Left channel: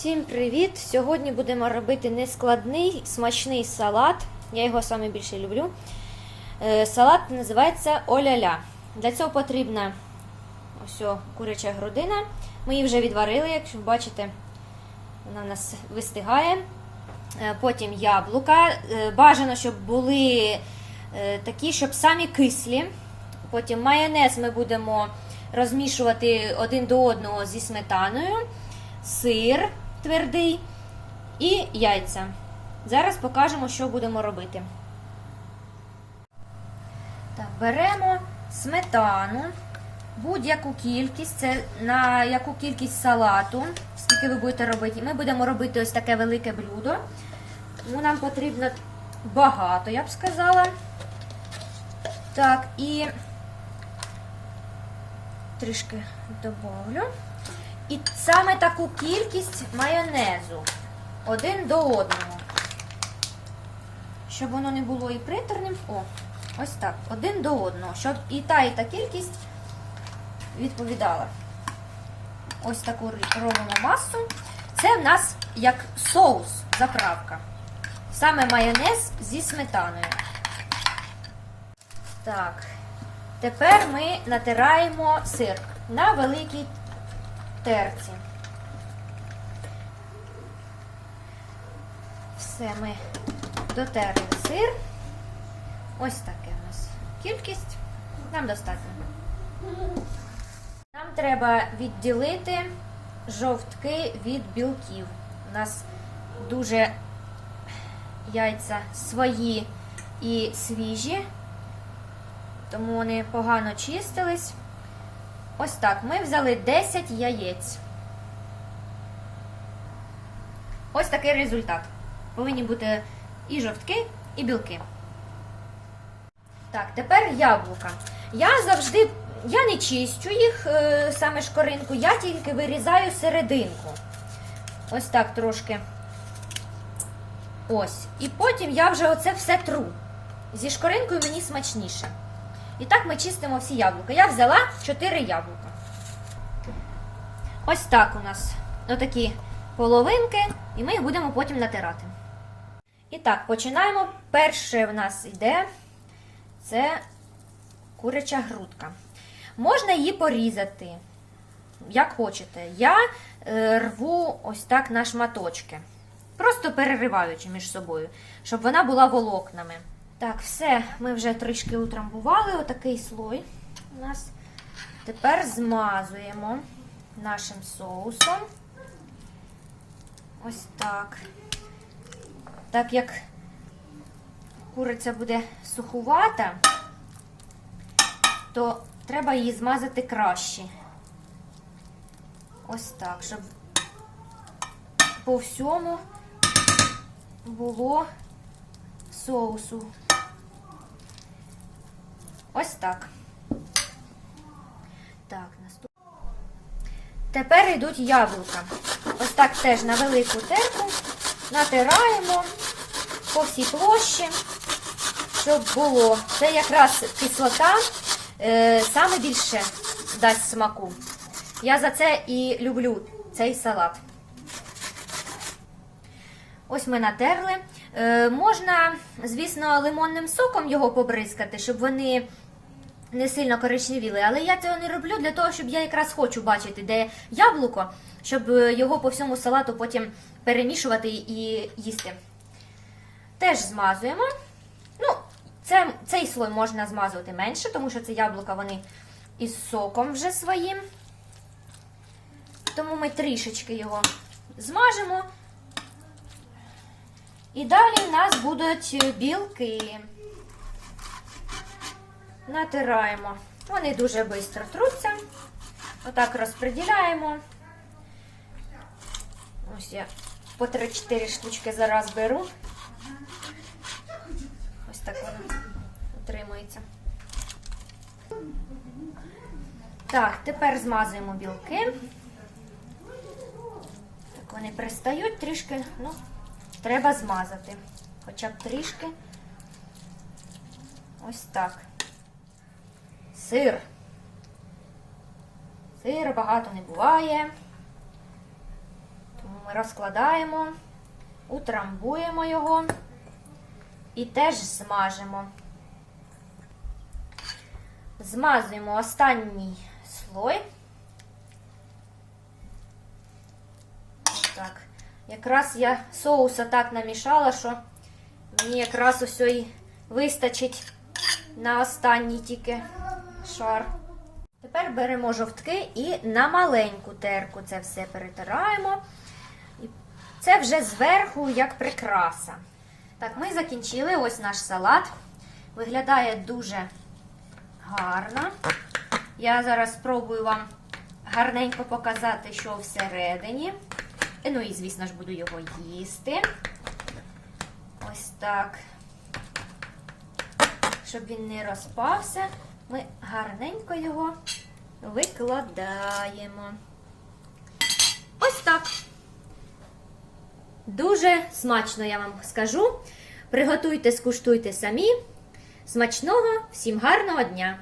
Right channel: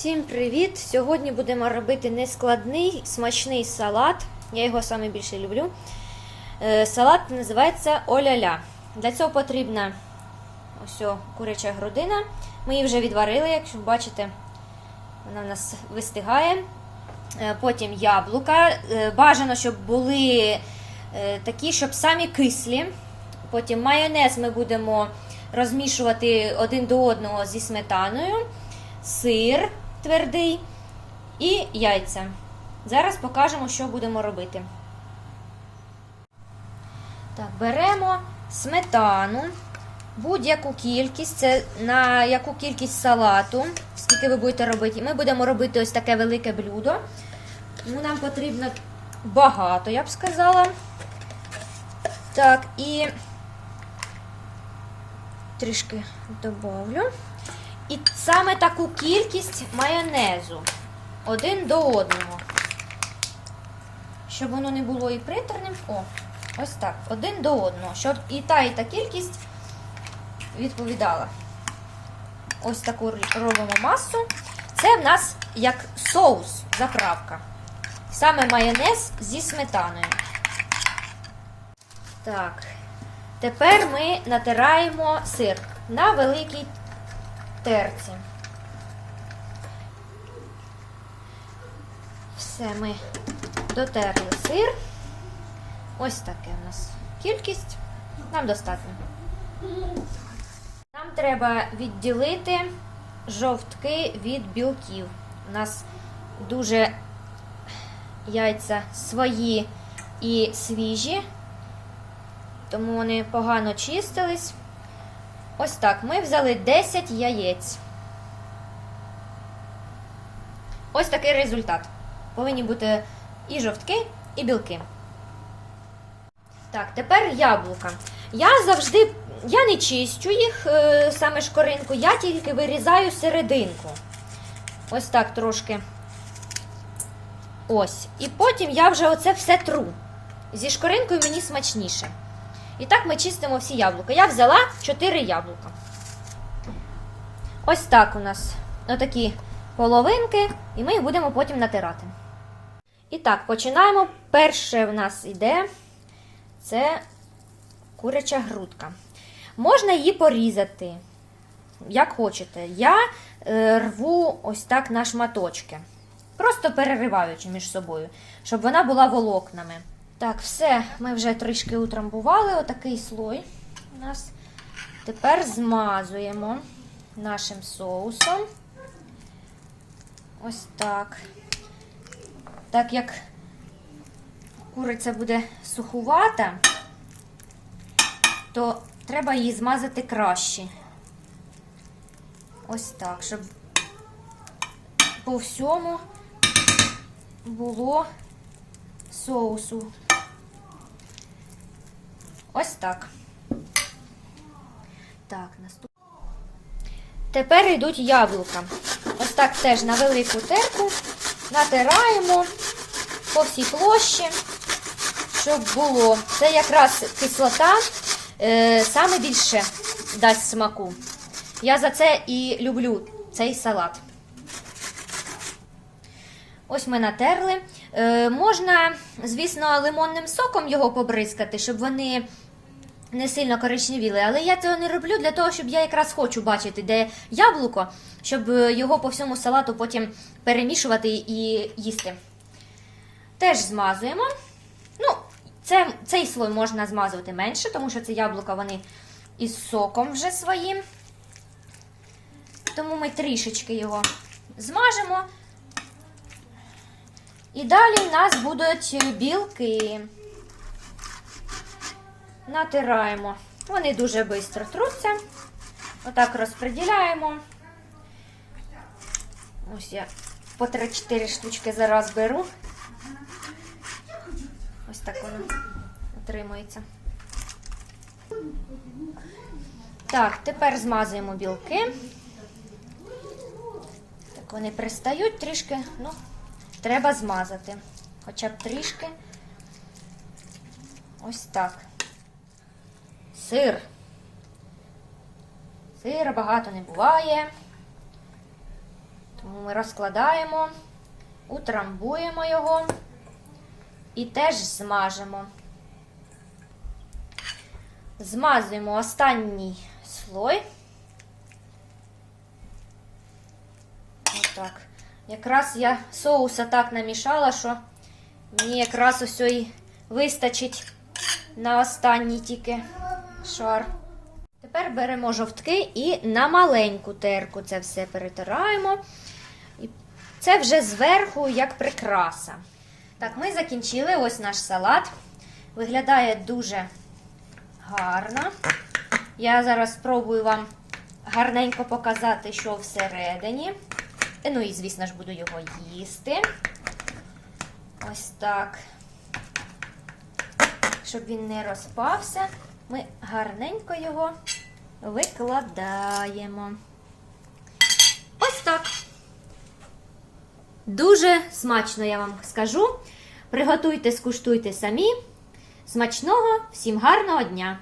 Всім привіт! Сьогодні будемо робити нескладний смачний салат. Я його саме більше люблю. Е, Салат називається оля-ля. Для цього потрібна ось куряча грудина. Ми її вже відварили, якщо бачите, вона в нас вистигає. Е, Потім яблука. Е, Бажано, щоб були такі, щоб самі кислі. Потім майонез ми будемо розмішувати один до одного зі сметаною, сир твердий і яйця. Зараз покажемо, що будемо робити. Так, беремо сметану, будь-яку кількість, це на яку кількість салату, скільки ви будете робити. Ми будемо робити ось таке велике блюдо. Тому нам потрібно багато, я б сказала. Так, і трішки добавлю. І саме таку кількість майонезу один до одного. Щоб воно не було і приторним. О, ось так, один до одного. Щоб і та, і та кількість відповідала. Ось таку робимо масу. Це в нас як соус, заправка. Саме майонез зі сметаною. Так. Тепер ми натираємо сир на великій терці. Все, ми дотерли сир. Ось таке у нас кількість. Нам достатньо. Нам треба відділити жовтки від білків. У нас дуже яйця свої і свіжі, тому вони погано чистились. Ось так. Ми взяли 10 яєць. Ось такий результат. Повинні бути і жовтки, і білки. Так, тепер яблука. Я завжди, я не чистю їх, е, саме шкоринку, я тільки вирізаю серединку. Ось так трошки. Ось. І потім я вже оце все тру. Зі шкоринкою мені смачніше. І так ми чистимо всі яблука. Я взяла 4 яблука. Ось так у нас отакі половинки, і ми їх будемо потім натирати. І так, починаємо. Перше в нас йде це куряча грудка. Можна її порізати, як хочете. Я е, рву ось так на шматочки. Просто перериваючи між собою, щоб вона була волокнами. Так, все, ми вже трішки утрамбували отакий слой у нас. Тепер змазуємо нашим соусом. Ось так. Так як куриця буде сухувата, то треба її змазати краще. Ось так, щоб по всьому було соусу. Ось так. Так, наступ... Тепер йдуть яблука. Ось так теж на велику терку натираємо по всій площі, щоб було. Це якраз кислота е, саме більше дасть смаку. Я за це і люблю цей салат. Ось ми натерли. Е, можна, звісно, лимонним соком його побризкати, щоб вони не сильно коричневіли. Але я цього не роблю для того, щоб я якраз хочу бачити, де яблуко, щоб е, його по всьому салату потім перемішувати і їсти. Теж змазуємо. Ну, це, Цей слой можна змазувати менше, тому що це яблука вони із соком вже своїм. Тому ми трішечки його змажемо. І далі в нас будуть білки. Натираємо. Вони дуже швидко труться. Отак розподіляємо. Ось я по 3-4 штучки зараз беру. Ось так воно отримується. Так, тепер змазуємо білки. Так, вони пристають трішки, ну, треба змазати. Хоча б трішки. Ось так. Сир. Сира багато не буває. Тому Ми розкладаємо, утрамбуємо його і теж смажимо. Змазуємо останній слой. Отак. Якраз я соуса так намішала, що мені якраз ось і вистачить на останній тільки шар. Тепер беремо жовтки і на маленьку терку це все перетираємо. І це вже зверху як прикраса. Так, ми закінчили ось наш салат. Виглядає дуже гарно. Я зараз спробую вам гарненько показати, що всередині. Е, Ну і, звісно ж, буду його їсти. Ось так. Щоб він не розпався, ми гарненько його викладаємо. Ось так. Дуже смачно, я вам скажу. Приготуйте, скуштуйте самі. Смачного, всім гарного дня!